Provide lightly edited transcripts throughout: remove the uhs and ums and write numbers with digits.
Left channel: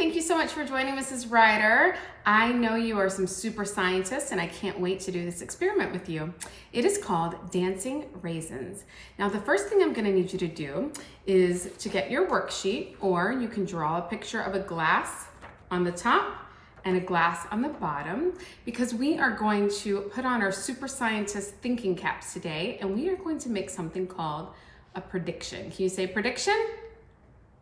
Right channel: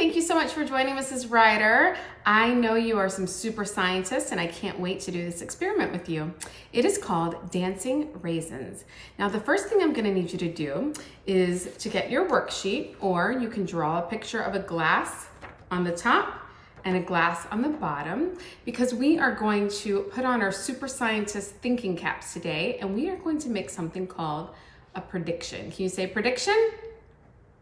thank you so much for joining Mrs. Ryder. I know you are some super scientists and I can't wait to do this experiment with you. It is called Dancing Raisins. Now the first thing I'm gonna need you to do is to get your worksheet, or you can draw a picture of a glass on the top and a glass on the bottom, because we are going to put on our super scientist thinking caps today and we are going to make something called a prediction. Can you say prediction?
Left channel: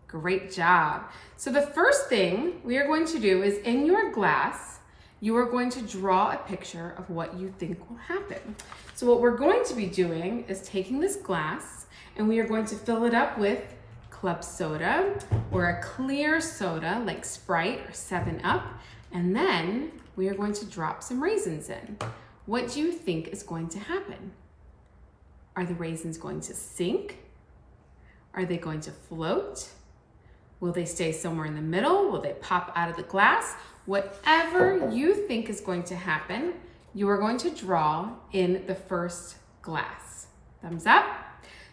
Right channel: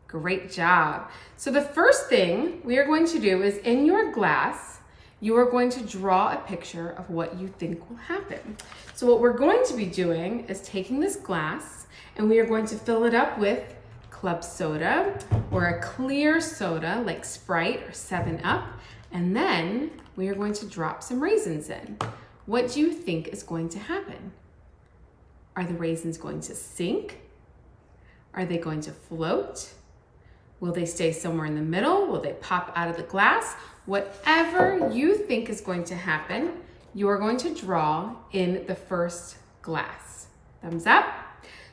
Great job. So the first thing we are going to do is, in your glass, you are going to draw a picture of what you think will happen. So what we're going to be doing is taking this glass and we are going to fill it up with club soda or a clear soda like Sprite or 7-Up, and then we are going to drop some raisins in. What do you think is going to happen? Are the raisins going to sink? Are they going to float? Will they stay somewhere in the middle? Will they pop out of the glass? Whatever you think is going to happen, you are going to draw in the first glass. Thumbs up.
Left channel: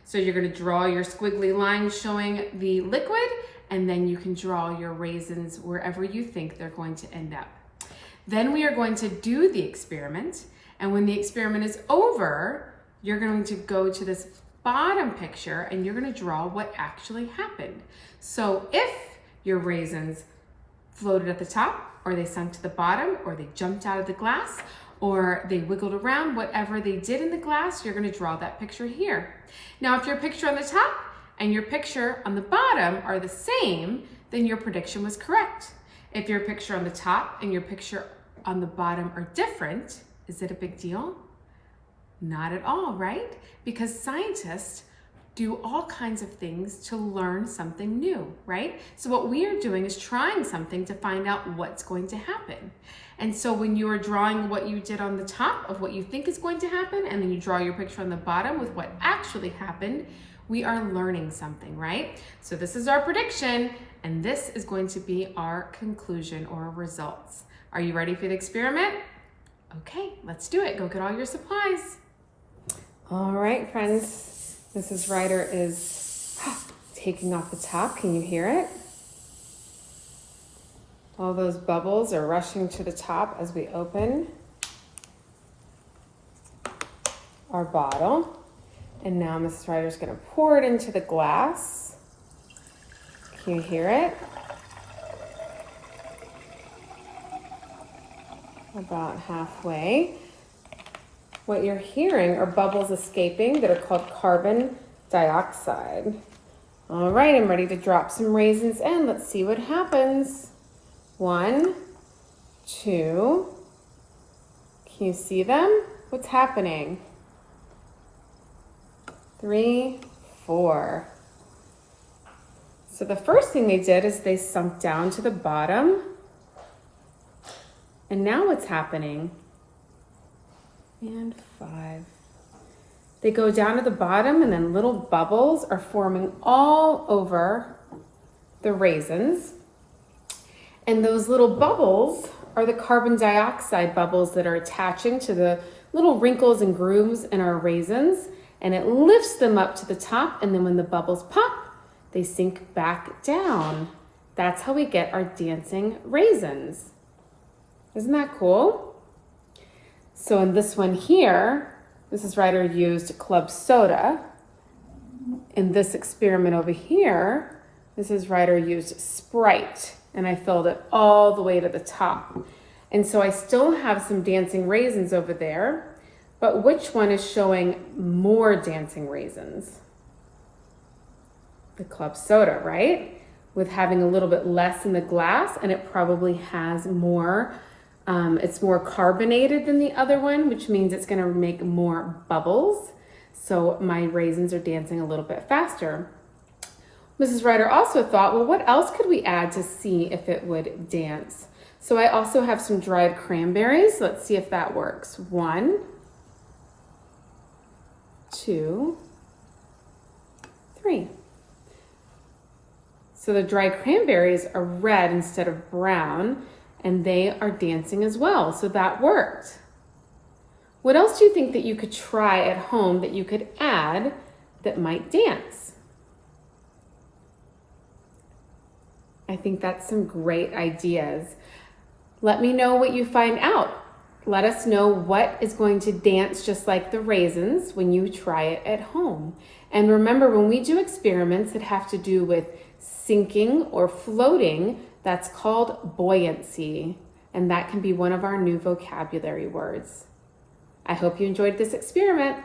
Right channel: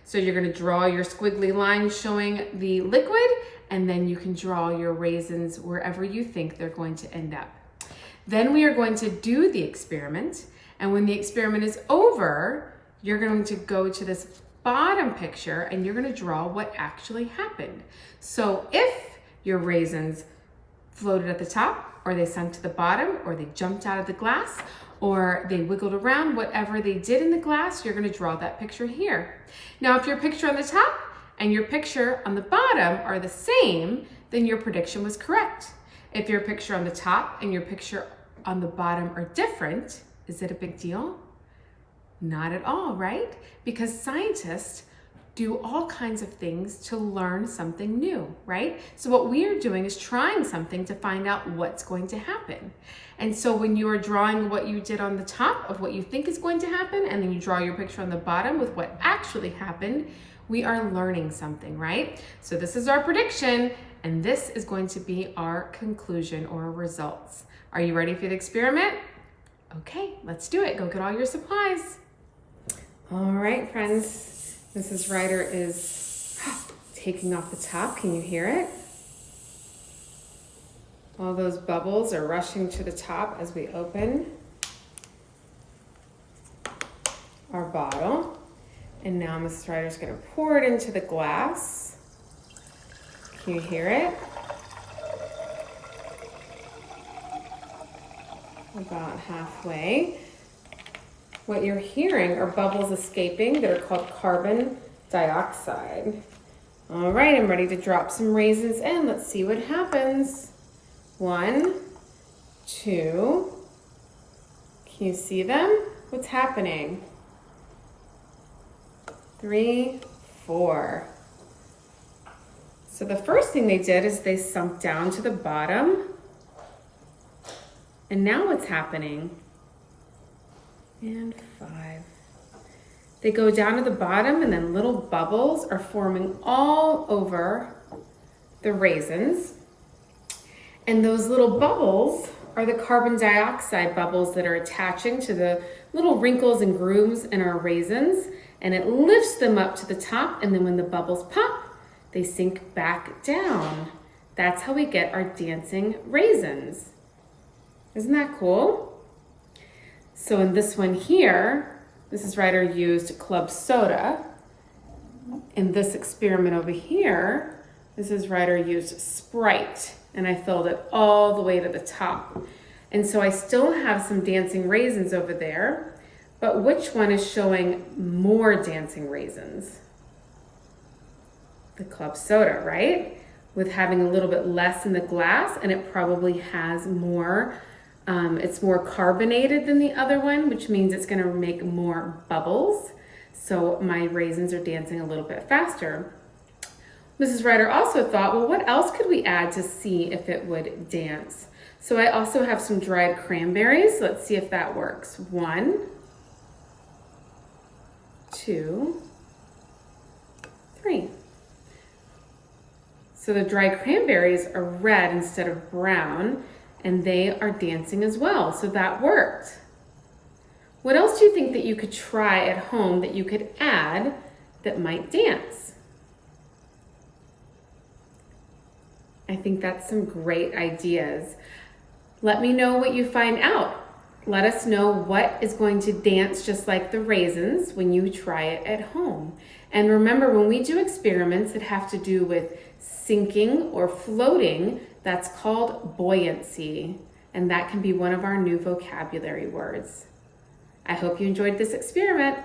So you're going to draw your squiggly line showing the liquid, and then you can draw your raisins wherever you think they're going to end up. Then we are going to do the experiment, and when the experiment is over, you're going to go to this bottom picture and you're going to draw what actually happened. So if your raisins floated at the top, or they sunk to the bottom, or they jumped out of the glass, or they wiggled around, whatever they did in the glass, you're going to draw that picture here. Now if your picture on the top and your picture on the bottom are the same, then your prediction was correct. If your picture on the top and your picture on the bottom are different, is it a big deal? Not at all, right? Because scientists do all kinds of things to learn something new, right? So what we are doing is trying something to find out what's going to happen. And so when you are drawing what you did on the top of what you think is going to happen, and then you draw your picture on the bottom with what actually happened, we are learning something, right? So this is our prediction, and this is going to be our conclusion or results. Are you ready for the experiment? Okay, let's do it. Go get all your supplies. All right, friends, Mrs. Ryder is taking off the top. Can you hear it? All those bubbles are rushing to the top as we open our bottle. And now Mrs. Ryder's gonna pour it into the glass. Can you hear it? About halfway. What you're hearing are bubbles escaping that are called carbon dioxide. All right, I'm ready to drop some raisins in. Let's see what happens. 1, 2. Can you see them? What's happening? 3, 4. So the first thing they did is they sunk down to the bottom. And now what's happening? And 5. They go down to the bottom, and then little bubbles are forming all over the raisins. And those little bubbles are the carbon dioxide bubbles that are attaching to the little wrinkles and grooves in our raisins, and it lifts them up to the top, and then when the bubbles pop, they sink back down. That's how we get our dancing raisins. Isn't that cool? So in this one here, Mrs. Ryder used club soda. In this experiment over here, Mrs. Ryder used Sprite, and I filled it all the way to the top. And so I still have some dancing raisins over there, but which one is showing more dancing raisins? The club soda, right? With having a little bit less in the glass, and it probably has more. It's more carbonated than the other one, which means it's going to make more bubbles. So my raisins are dancing a little bit faster. Mrs. Ryder also thought, well, what else could we add to see if it would dance? So I also have some dried cranberries. Let's see if that works. 1, 2, 3. So the dried cranberries are red instead of brown, and they are dancing as well, so that worked. What else do you think that you could try at home that you could add that might dance? I I think that's some great ideas. Let me know what you find out. Let us know what is going to dance just like the raisins when you try it at home. And remember, when we do experiments that have to do with sinking or floating, that's called buoyancy. And that can be one of our new vocabulary words. I hope you enjoyed this experiment.